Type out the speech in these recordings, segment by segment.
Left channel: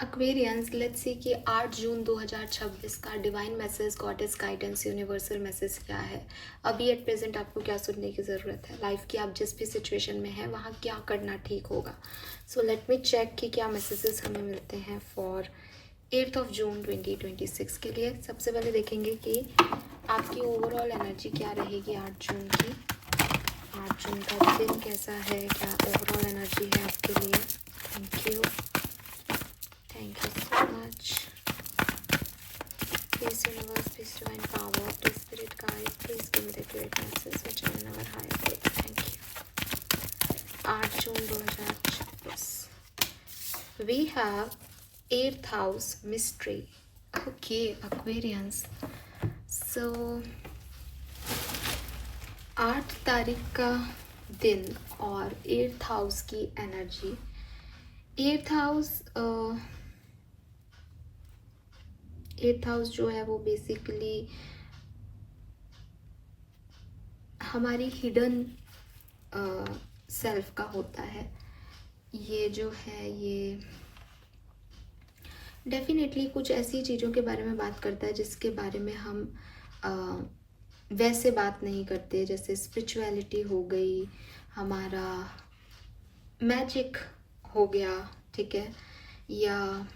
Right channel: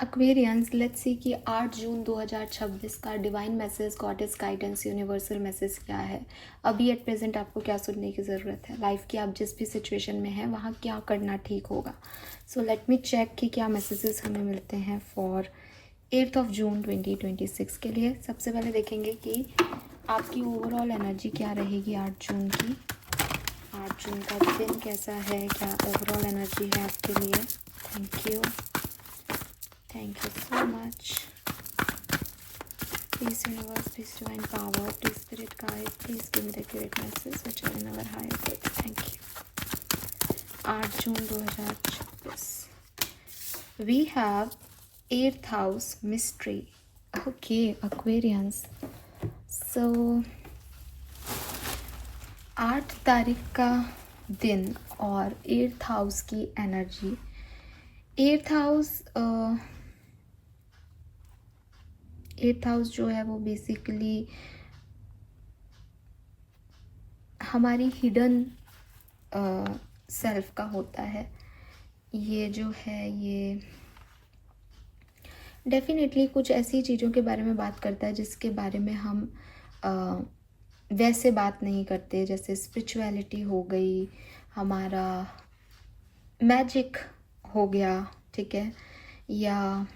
Aquarians, let's see कि 8 जून 2026 का divine message, goddess guidance, universal message क्या है। अभी एट प्रेजेंट आपको क्या सुनने की ज़रूरत है, लाइफ की आप जिस भी सिचुएशन में हैं वहाँ क्या करना ठीक होगा। सो लेट मी चेक कि क्या मैसेजेस हमें मिलते हैं फॉर 8 जून 2026 के लिए। सबसे पहले देखेंगे कि आपकी ओवरऑल एनर्जी क्या रहेगी 8 जून की। 8 जून का दिन कैसा है, क्या ओवरऑल एनर्जी है आपके लिए। Thank you, thank you so much. Peace universe, peace divine power, please spirit guide, please give me the accurate message which I never hide it. Thank you. 8 June 2026. We have 8th house mystery. Okay, Aquarians. So 8 तारीख का दिन और 8th house की energy. 8th house जो है वो basically हमारी hidden self का होता है। ये जो है ये डेफिनेटली कुछ ऐसी चीज़ों के बारे में बात करता है जिसके बारे में हम वैसे बात नहीं करते, जैसे स्पिरिचुअलिटी हो गई, हमारा मैजिक हो गया, ठीक है, या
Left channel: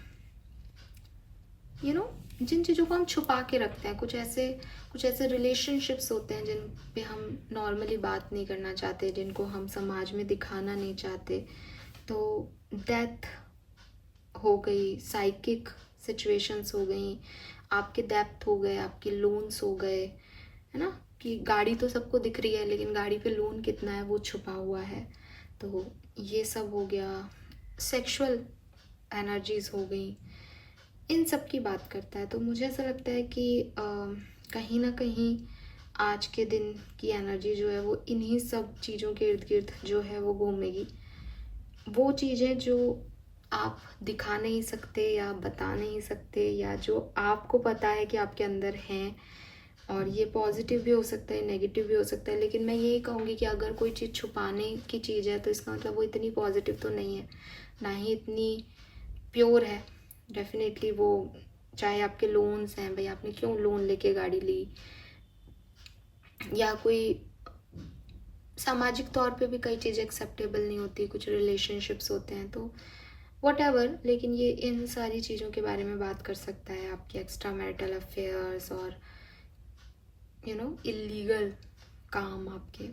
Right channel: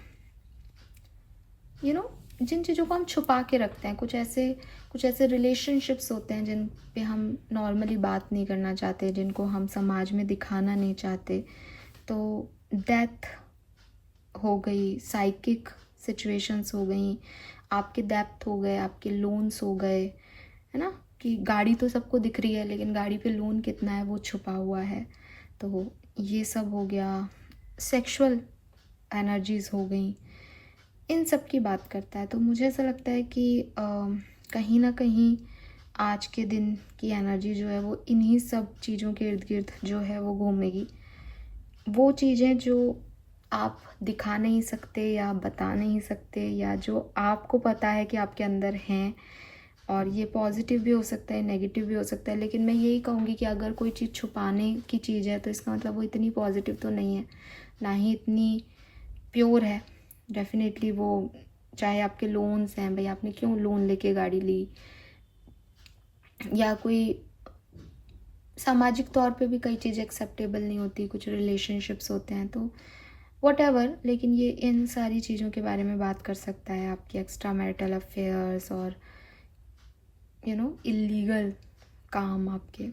जिन चीज़ों को हम छुपा के रखते हैं। कुछ ऐसे रिलेशनशिप्स होते हैं जिन पे हम नॉर्मली बात नहीं करना चाहते, जिनको हम समाज में दिखाना नहीं चाहते। तो डेथ हो गई, साइकिक सिचुएशंस हो गई, आपके डेप्थ हो गए, आपके लोन्स हो गए, है ना, कि गाड़ी तो सबको दिख रही है लेकिन गाड़ी पे लोन कितना है वो छुपा हुआ है। तो ये सब हो गया। सेक्सुअल एनर्जीज हो गई, इन सब की बात करता है। तो मुझे ऐसा लगता है कि कहीं ना कहीं आज के दिन की एनर्जी जो है वो इन्हीं सब चीज़ों के इर्द गिर्द जो है वो घूमेगी। वो चीज़ें जो आप दिखा नहीं सकते या बता नहीं सकते, या जो आपको पता है कि आपके अंदर हैं, और ये पॉजिटिव भी हो सकता है, नेगेटिव भी हो सकता है। लेकिन मैं यही कहूँगी कि अगर कोई चीज़ छुपाने की चीज़ है तो इसका मतलब वो इतनी पॉजिटिव तो नहीं है, ना ही इतनी प्योर है। डेफिनेटली वो, चाहे आपके लोन्स हैं, भाई आपने क्यों लोन लेके गाड़ी ली, या कोई सामाजिक तौर पे भी कई चीज़ें एक्सेप्टेबल नहीं होती, कुछ रिलेशनशिप्स होते हैं, तो वॉटेवर। लेकिन ये इन सारी चीज़ों के बारे में बात कर सकता है, आपकी एक्स्ट्रा मैरिटल अफेयर्स और इलीगल काम आपके।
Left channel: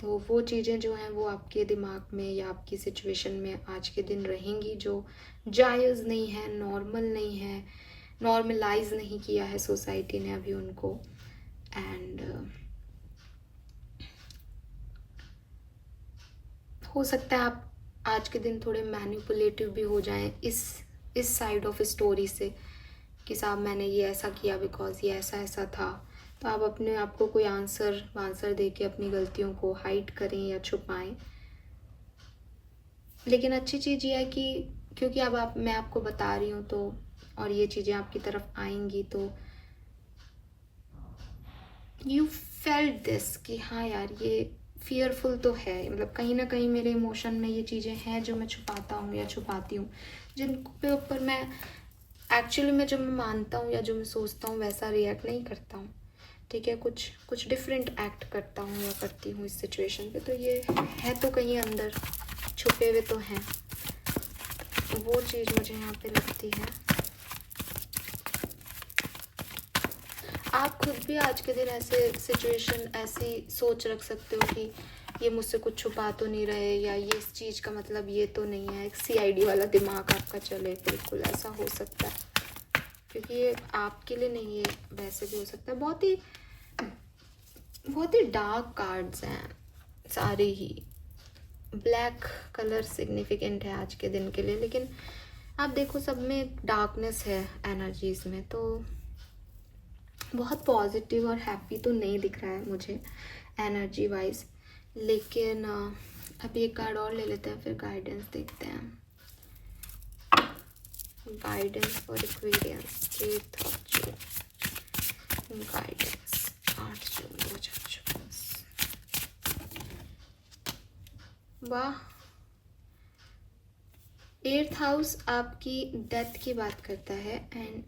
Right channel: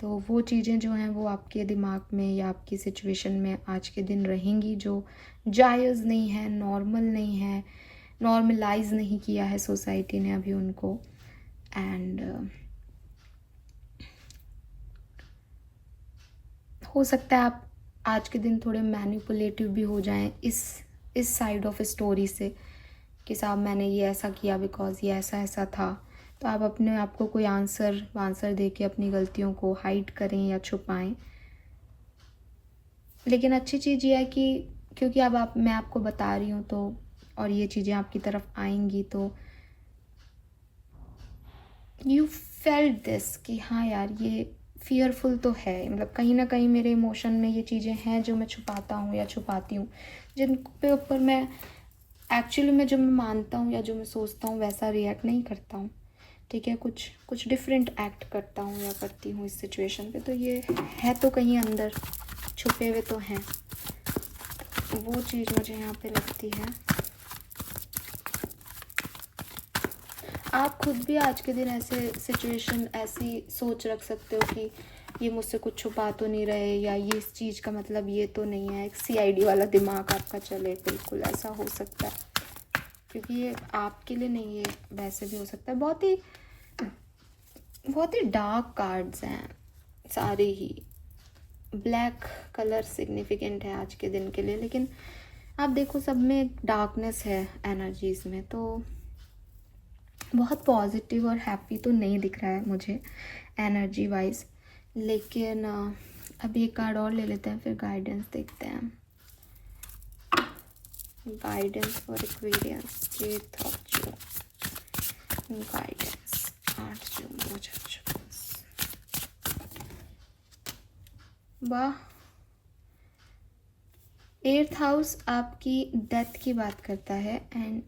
तो वो चीज़ें जो हैं वो आपके दिमाग में या आपकी सिचुएशन में आज के दिन रहेंगी, जो जायज़ नहीं है, नॉर्मल नहीं है, नॉर्मलाइज नहीं किया है सोसाइटी ने अभी उनको। एंड हो सकता है आप आज के दिन थोड़े मैनिपुलेटिव भी हो जाएं इस साइड ऑफ स्टोरी से, कि साहब मैंने ये ऐसा किया बिकॉज ये ऐसा ऐसा था। तो आप अपने आप को कोई आंसर दे के अपनी गलतियों को हाइड करें या छुपाएं। लेकिन अच्छी चीज़ ये है कि क्योंकि अब मैं आपको बता रही हूँ, तो और ये चीज़ें आपकी तरफ आएंगी, तो यू फेल्ट दिस कि हाँ यार ये फियरफुल तो है, मतलब कहीं ना कहीं मेरे इमोशन में ये चीज़ें हैं जो मैं छुपाता हूँ या छुपाती हूँ, जिन पे ऊपर मैं एक्चुअली में जो मैं मानता हूँ या जो मैं सोचता हूँ वैसा रिएक्ट नहीं करता हूँ, ठीक है, कुछ डिफरेंट एक्ट करता हूँ या करती हूँ इस सिचुएशन पे। तो ये है तो कहीं अंदर छुपे हुए तो हैं, वो चीज़ मुझे यहाँ पे लगती है। आप खुद भी आज के दिन ऐसे सिचुएशन, ऐसी सोच रख सकते हो कि ये मुझसे कुछ छुपा तो नहीं रहे, या ये इस चीज़ का मतलब ये तो नहीं है। एक CID वाला दिमाग आपका चले, बिल्कुल ऐसा हो सकता है, क्योंकि ये आपके लिए नहीं है, वैसे भी हो सकता है। बहुत ही डार्क कार्ड्स हैं सारे ही। ब्लैक कलर सिग्निफिकेंट है आज के दिन के लिए, लेकिन आप देखो सब में डार्कनेस है एनर्जीज में, तो बहुत पॉजिटिव और हैप्पी तो नहीं दिख रहा है मुझे एनर्जी वाइज। लेकिन अभी एक कार्ड और ले लेते हैं, फिर गाइडेंस देखते हैं। गाइडेंस फॉर एक्वेरियंस, गाइडेंस 8 जून 2024। वाह, 8th हाउस आपकी डेथ की बात करता है, एंड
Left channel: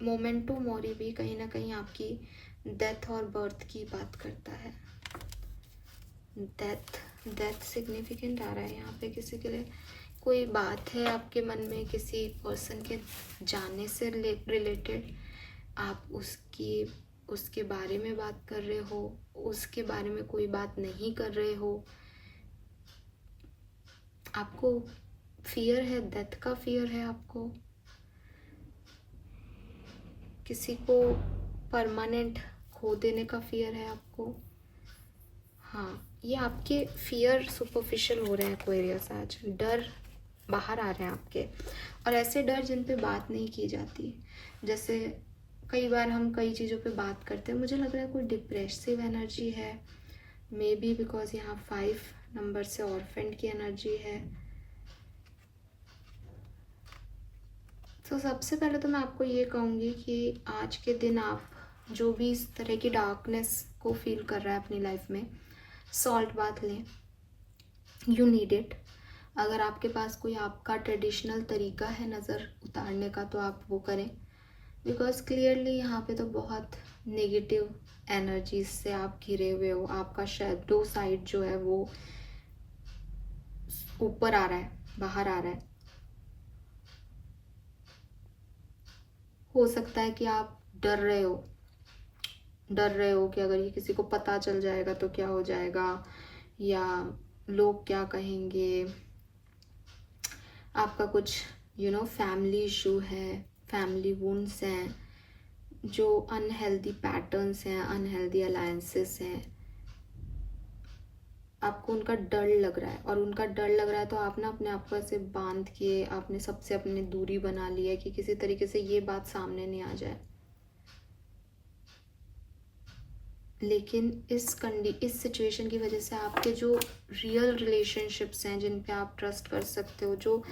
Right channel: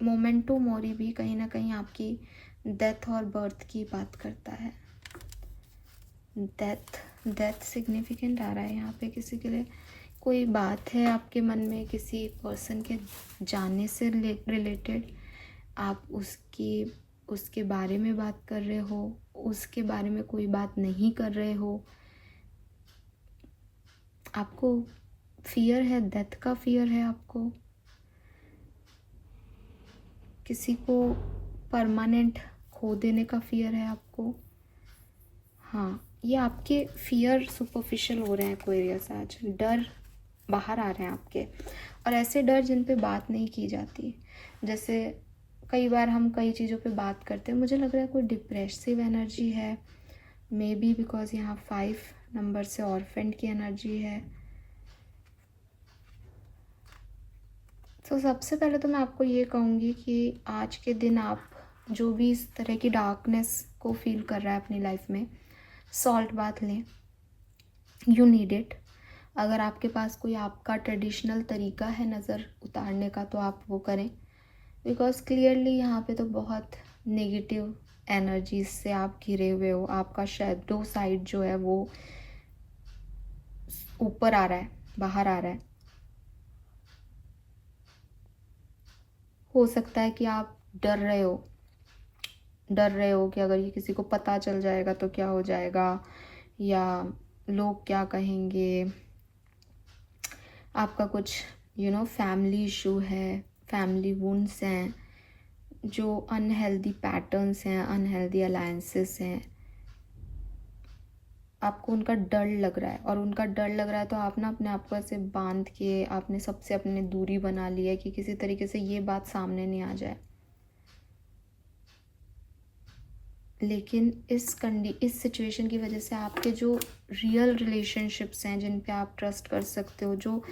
मोमेंटो मोरी भी कहीं ना कहीं आपकी डेथ और बर्थ की बात करता है। डेथ डेथ सिग्निफिकेंट आ रहा है यहाँ पे किसी के लिए। कोई बात है आपके मन में किसी पर्सन के जाने से रिलेटेड, आप उसके बारे में बात कर रहे हो, उसके बारे में कोई बात नहीं कर रहे हो, आपको फियर है, डेथ का फियर है आपको, किसी को परमानेंट खो देने का फियर है आपको। हाँ, ये आपके फियर सुपरफिशियल हो रहे हैं एक्वेरियस आज, डर बाहर आ रहे हैं आपके, और ऐसे डर जिन पे बात नहीं की जाती। जैसे कई बार हम कई चीज़ों पे बात करते हैं, मुझे लग रहा है कोई डिप्रेसिव एनर्जी है, मे बी बिकॉज यहाँ 5 नंबर से ऑर्फेंड की एनर्जी है। तो सबसे पहले तो मैं आपको ये कहूँगी कि आज के दिन आप जो भी इस तरह की डार्कनेस को फील कर रहा है अपनी लाइफ में, सॉल्ट बाथ लें, यू नीड इट। अगर आपके पास कोई आपका ट्रेडिशनल तरीका है नज़र उतारने का तो आप वो करें, बिकॉज क्लियरली यहाँ पे तो बहुत नेगेटिव एनर्जीज से आप घिरे हुए हो। आपका शैडो साइड जो है वो ऊपर आ रहा है, बाहर आ रहा है। हो सकता है कि आप डर रहे हो कि अगर ये किसी को पता चल जाएगा तो क्या हो जाएगा, या लोग क्या कहेंगे। आपका कुछ फैमिली इशू है, फैमिली वुंड्स हैं, जो अनहेल्दी पैटर्न्स हैं, अनहेल्दी अलायंसेस हैं, आपको उनका डर लग रहा है। और उनका डर लग रहा है तो आप ना अपने आप को ऐसे बांध के आपने सबसे अपने दूरी बना ली है कि किसी तरीके से ये बात सामने नहीं आ जाए। लेकिन इस सिचुएशन की वजह से आपके जो रियल रिलेशनशिप्स हैं, जिन पे आप ट्रस्ट कर सकते हो, जो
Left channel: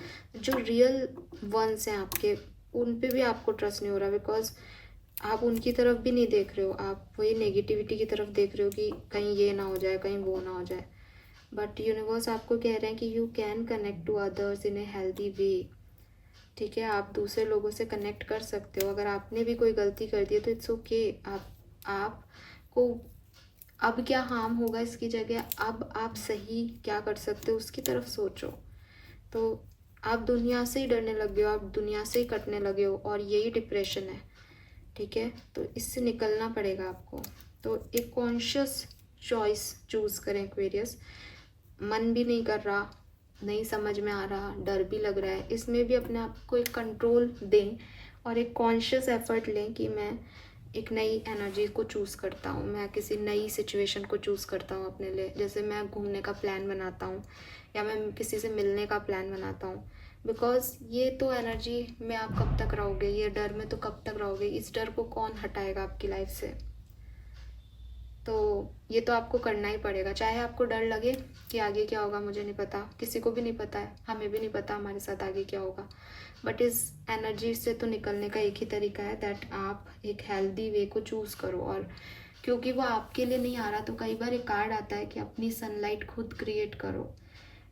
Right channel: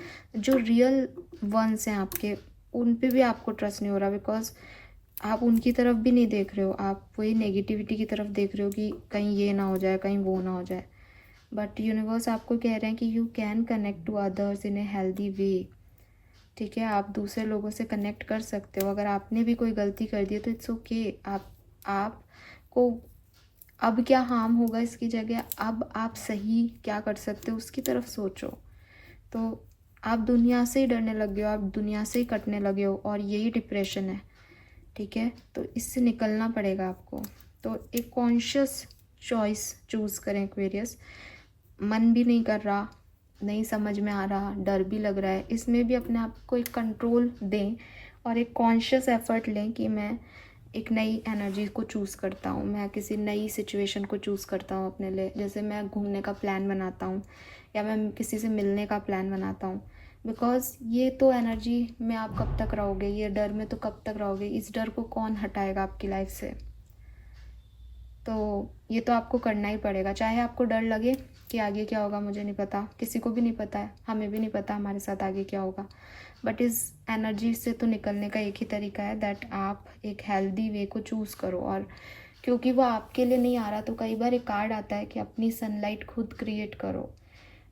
रियल वंस हैं आपके, उन पे भी आपको ट्रस्ट नहीं हो रहा, बिकॉज आप उनकी तरफ भी नहीं देख रहे हो, आप वही नेगेटिविटी की तरफ देख रहे हो कि कहीं ये ना हो जाए, कहीं वो ना हो जाए। बट यूनिवर्स आपको कह रहे हैं कि you can connect to others in a healthy way. ठीक है, आप दूसरे लोगों से कनेक्ट कर सकते हो। अगर आपने भी कोई गलती कर दी है तो इट्स ओके। आपको अब क्या हार्म होगा इसकी जगह, अब आप सही क्या कर सकते हो उसकी तरफ सोचो। तो आप दुनिया से ही डरने लगे हो, आप दुनिया से ही कटने लगे हो, और यही डिप्रेशन है। ठीक है, तो इससे निकलना पड़ेगा आपको। तो एक कॉन्शियस चॉइस चूज़ करें एक्वेरियस। मन भी नहीं कर रहा, नहीं समझ में आ रहा, डर भी लग रहा है, इसमें भी अपने आप को एक कंट्रोल दें और एक कॉन्शियस एफर्ट लें कि मैं एक नई एनर्जी को चूज़ करता हूँ, मैं किसी नई सिचुएशन को चूज़ करता हूँ अपने लिए। जैसे मैं घूमने का प्लान बनाता हूँ या मैं किसी से मिलने का प्लान बनाता हूँ, बिकॉज ये तो एनर्जी में आप कब तक रहोगे, ये डर में तो कब तक रहोगे, इस डर को कौन हटाएगा आपकी लाइफ से। तो ये तो आपको करना ही पड़ेगा, चाहे आपको डर लगे कि आगे क्या होगा मुझे नहीं पता, किसी को भी नहीं पता है, हमें भी नहीं पता हमारे साथ आगे क्या होगा। बट इस एनर्जी से तो निकलने का एक ही तरीका है, दैट आप एक हेल्दी वे को चूज़ करो। और क्योंकि वो आपके लिए नहीं आ रहा, तो कई बार एक कार्ड आता है कि अपनी सनलाइट खुद क्रिएट करो।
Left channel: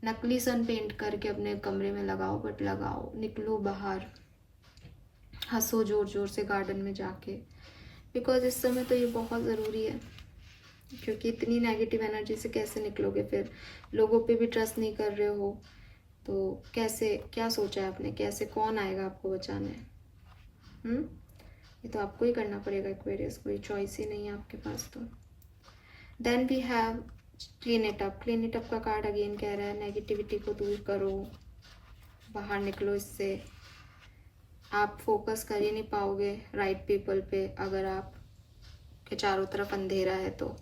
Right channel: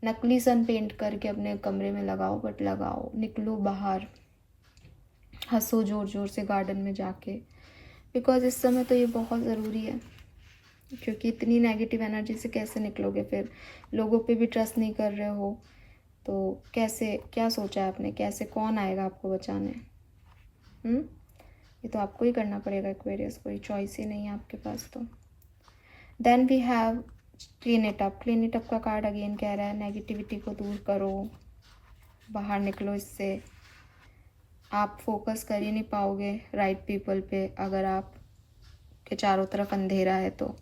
नकली सन पेंट करके अपने कमरे में लगाओ, बट लगाओ, निकलो बाहर, हंसो जोर जोर से गार्डन में जाके, बिकॉज इस समय तो ये बहुत ज़रूरी है। क्योंकि इतनी नेगेटिव एनर्जी से कैसे निकलोगे, फिर लोगों पे भी ट्रस्ट नहीं कर रहे हो तो कैसे, क्या सोचा है आपने, कैसे, कौन आएगा आपको बचाने। ये तो आपको ही करना पड़ेगा एक्वेरियस, कोई चॉइस ही नहीं है आपके पास। तो then we have clean it up. Clean it up का कार्ड अगेन कह रहा है नेगेटिविटी को दूर करो, बाहर निकलो इससे। आप फोकस कर ही नहीं पाओगे राइट पीपल पे अगर आप के चारों तरफ अंधेरा है तो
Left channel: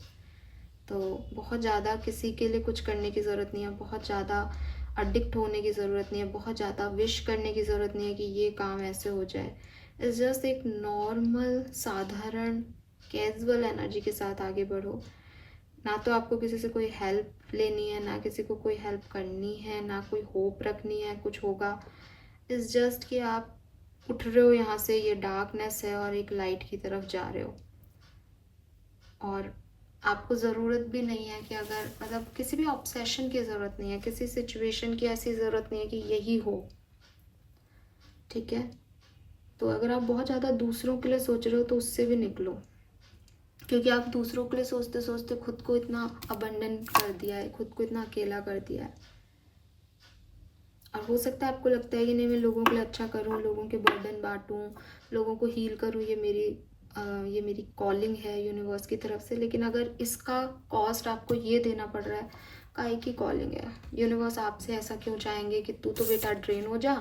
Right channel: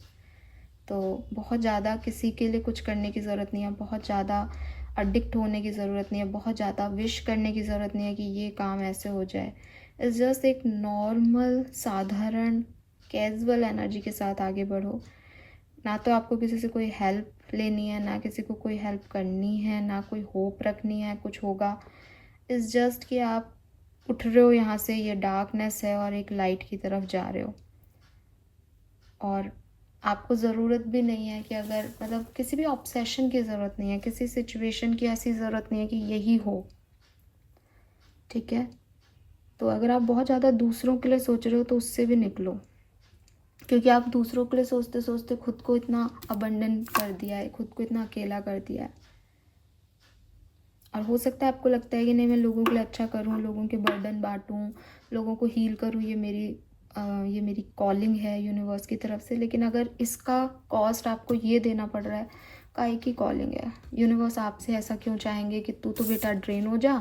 बहुत ज़्यादा किसी के लिए कुछ करने की ज़रूरत नहीं है, बहुत ज़्यादा अडिक्ट होने की ज़रूरत नहीं है, बहुत ज़्यादा विश करने की ज़रूरत नहीं है कि ये काम ऐसे हो जाए। इट्स जस्ट एक नॉर्मल, साधारण, कैजुअल एनर्जी के साथ आगे बढ़ो। ना तो आपको किसी से कोई हेल्प लेनी है, ना किसी को कोई हेल्प करनी है, ना कोई होप रखनी है कुछ होगा। इट्स जस्ट कि आप उठ रहे हो यहाँ से, ये डार्कनेस है, और एक लाइट की तरफ जा रहे हो। और आपको ज़रूरत भी नहीं है कि अगर किसी भी ऑब्सेशन की ज़रूरत नहीं है, किसी सिचुएशन की ऐसी ज़रूरत नहीं है कि यही हो। ठीक है। तो अगर आप बहुत ज़्यादा दूसरों के लिए सोच रहे हो तो उससे भी निकलो, क्योंकि आप दूसरों के लिए सोचते सोचते खुद को इतना अबंडन कर दिया है, खुद को इतना अकेला कर दिया है। और हो सकता है आपको लगता है कि नहीं, मैं लोगों के लिए अच्छा करूं, लोगों के बर्डन बांटूं, लोगों को हील करूं, ये मेरी कॉलिंग है यूनिवर्स की तरफ से। लेकिन अगर इसका कॉस्ट आपको ये देना पड़ रहा है, काहे की कॉलिंग है? यूनिवर्स आपसे ऐसा क्यों चाहेंगे कि तू तो बेटा ड्रेन हो जा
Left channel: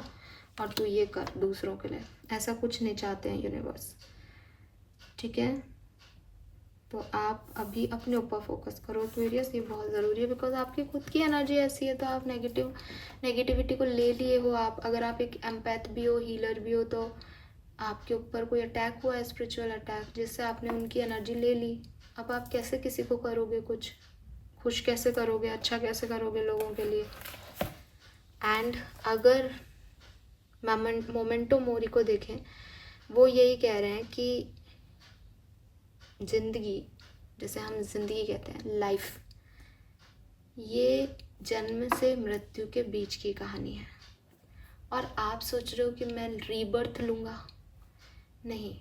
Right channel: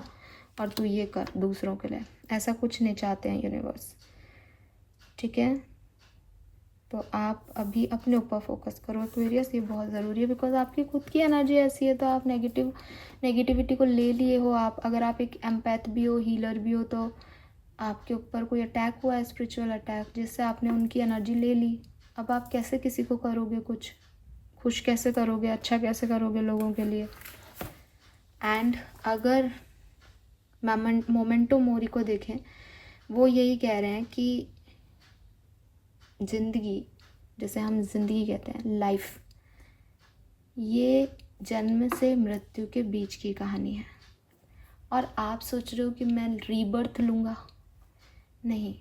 और तू ये कर दूसरों के लिए? ऐसा कुछ नहीं चाहते हैं यूनिवर्स, ठीक है। तो आप अभी अपने ऊपर फोकस करो एक्वेरियस, ये बहुत ज़रूरी है, बिकॉज आपकी खुद की एनर्जी ऐसी है। तो आप नेगेटिविटी को ले लिए हो। आप अगर आप एक एम्पैथ भी हो, हीलर भी हो, तो आपके ऊपर कोई अटैक हुआ है, स्पिरिचुअल अटैक, जिससे आपने उनकी एनर्जी ले ली। अब आप कैसे किसी को करोगे कुछ? खुश कैसे करोगे, अच्छा कैसे करोगे लोगों के लिए? एंड अगर मोमेंटो मोरी को देखें, वो यही कह रहे हैं कि ज़िंदगी, जैसे हम ज़िंदगी कहते हैं, लाइफ, ये जन्म से मृत्यु के बीच की कहानी है। और आप सोच रहे हो कि मैं रीबर्थ लूँगा? नहीं,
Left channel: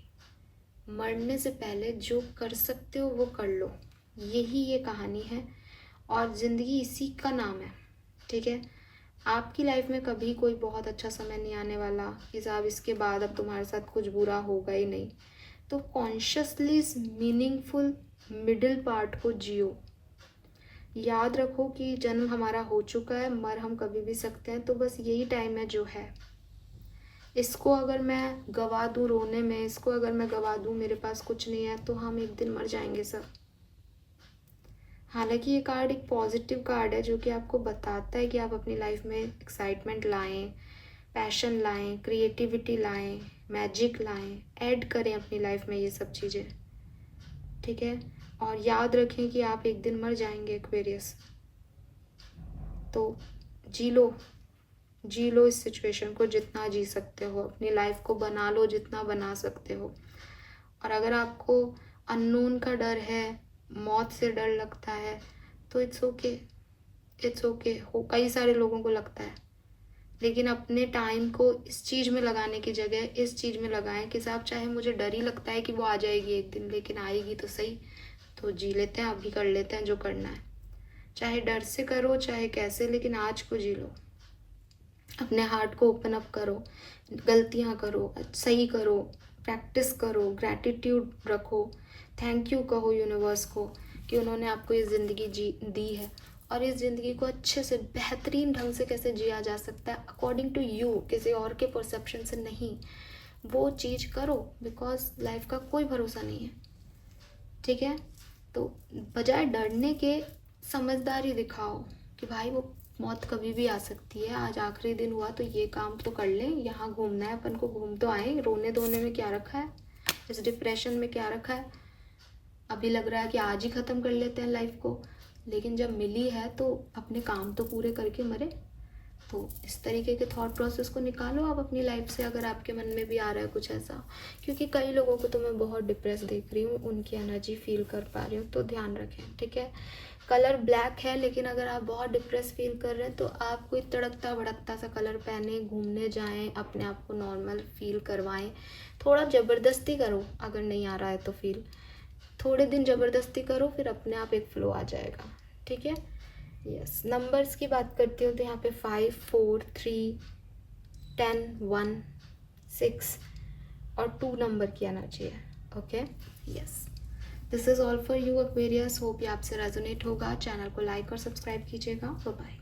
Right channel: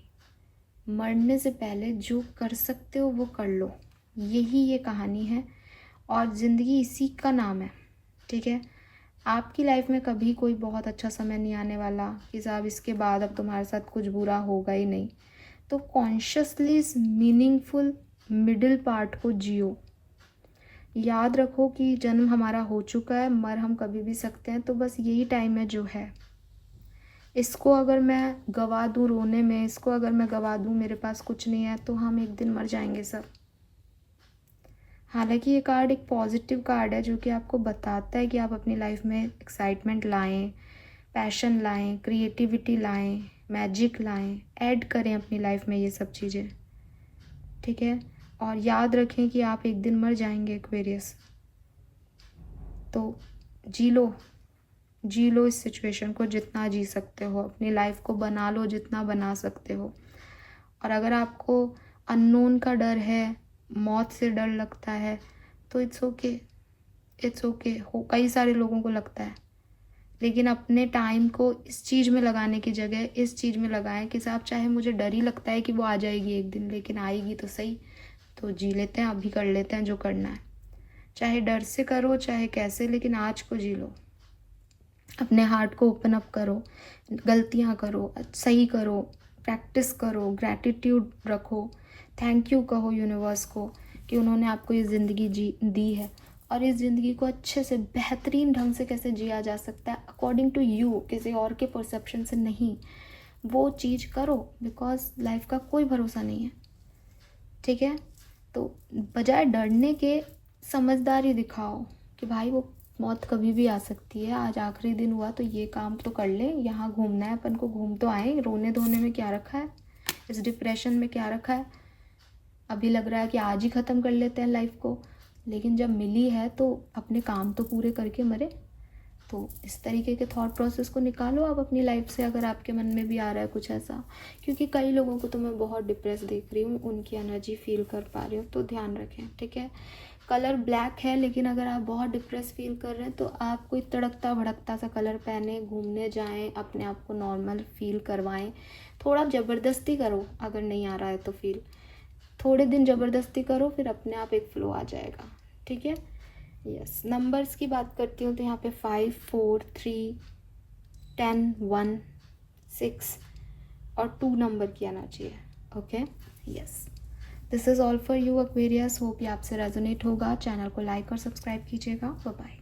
मरने से पहले जो कर सकते हो वो कर लो, यही ये कहानी है। और ज़िंदगी इसी का नाम है, ठीक है। आपकी लाइफ में कभी कोई बहुत अच्छा समय नहीं आने वाला कि साहब इसके बाद अब तुम्हारे साथ कुछ बुरा होगा ही नहीं। तो कॉन्शियसली इस मीनिंगफुल मिडिल पार्ट को जियो। याद रखो कि जन्म हमारा हो चुका है, मर हम कभी भी सकते हैं, तो बस यही टाइम है जो है। इसको अगर मैं गवा दूँ रोने में, इसको अगर मैं गवा दूँ मेरे पास कुछ नहीं है, तो हम एक दिन मर जाएंगे सब। हालांकि ये कार्ड एक पॉजिटिव कार्ड है, जो कि आपको बताता है कि आप अपनी लाइफ में एक्साइटमेंट लाएं, पैशन लाएं, क्रिएटिविटी लाएं, मैजिक लाएं, ऐड करें अपनी लाइफ में ये सब चीज़ें, ठीक है। और याद रखें कि आप एक दिन मर जाएंगे एक्वेरियस। तो जी लो इस सिचुएशन को जितना जी सकते हो, अपनी लाइफ को बना लो जितना बना सकते हो। और अगर आपको अननोन का डर है, मौत से डर लगता है, तो इट्स ओके हो, कई सारे लोगों को लगता है। लेकिन अपने टाइम को इस चीज़ में लगाने की जगह इस चीज़ में लगाएं कि साहब चाहे मुझे डर ही लगता है कि वो आ जाएगी एक दिन, लेकिन आएगी तो सही, तो जी लेते हैं, अभी कर लेते हैं जो करना है। चाहे डर से करो चाहे कैसे, लेकिन आज को जी लो। अपने हार्ट को ओपन अप करो, गलतियाँ करो, सही करो, प्रैक्टिस करो, ग्रैटिट्यूड रखो, थैंक यू कहो यूनिवर्स को कि उन्होंने आपको ये ज़िंदगी दी है। और इस ज़िंदगी को अच्छे से बेहतरीन ढंग से कैसे जिया जा सकता है अकॉर्डिंग टू यू, किसी और के परसेप्शन से नहीं, वो चीज़ करो, बिकॉज लाइफ का कोई भरोसा नहीं है, ठीक है। तो बजाय डरने के समझदारी दिखाओ कि भाई वो मौत कभी भी आ सकती है, आज आखिरी दिन हुआ तो ये काम तो कर ले, यहाँ घूमना है अपन को, घूम तो आए, रोने धोने में क्या रखा है, इस डिप्रेशन में क्या रखा है। अभी लग रहा है कि आज ही ख़त्म कर लेते हैं लाइफ को, लेकिन जब मिली है तो अपने काम तो पूरे करके मरे। तो इस तरीके के थॉट प्रोसेस को निकालो आप अपनी लाइफ से, अगर आपके मन में भी आ रहा है कुछ ऐसा। क्योंकि कई लोगों को तो मैं बहुत डिप्रेस देख रही हूँ, उनकी एनर्जी फील कर पा रही हूँ, तो ध्यान रखें, ठीक है। कलर ब्लैक है, लेकिन अगर आप बहुत डिप्रेस फील कर रहे हैं तो आप कोई तड़कता भड़कता सा कलर पहने, घूमने जाएं, अपने आप को नॉर्मल फील करवाएं। थोड़ा ज़बरदस्ती करो, अगर नहीं आ रहा है तो फील, थोड़े दिन ज़बरदस्ती करो, फिर अपने आप एक फ्लो आ जाएगा, ठीक है। यस, नंबर्स की बात करती हूँ तो यहाँ पे 5, 4, 3, 10, 1, 6 और 2 नंबर की एनर्जी है, okay. Yes, this is all for you Aquarius. Hope ये आपसे रेजोनेट होगा। चैनल को लाइक और सब्सक्राइब कीजिएगा। Bye bye.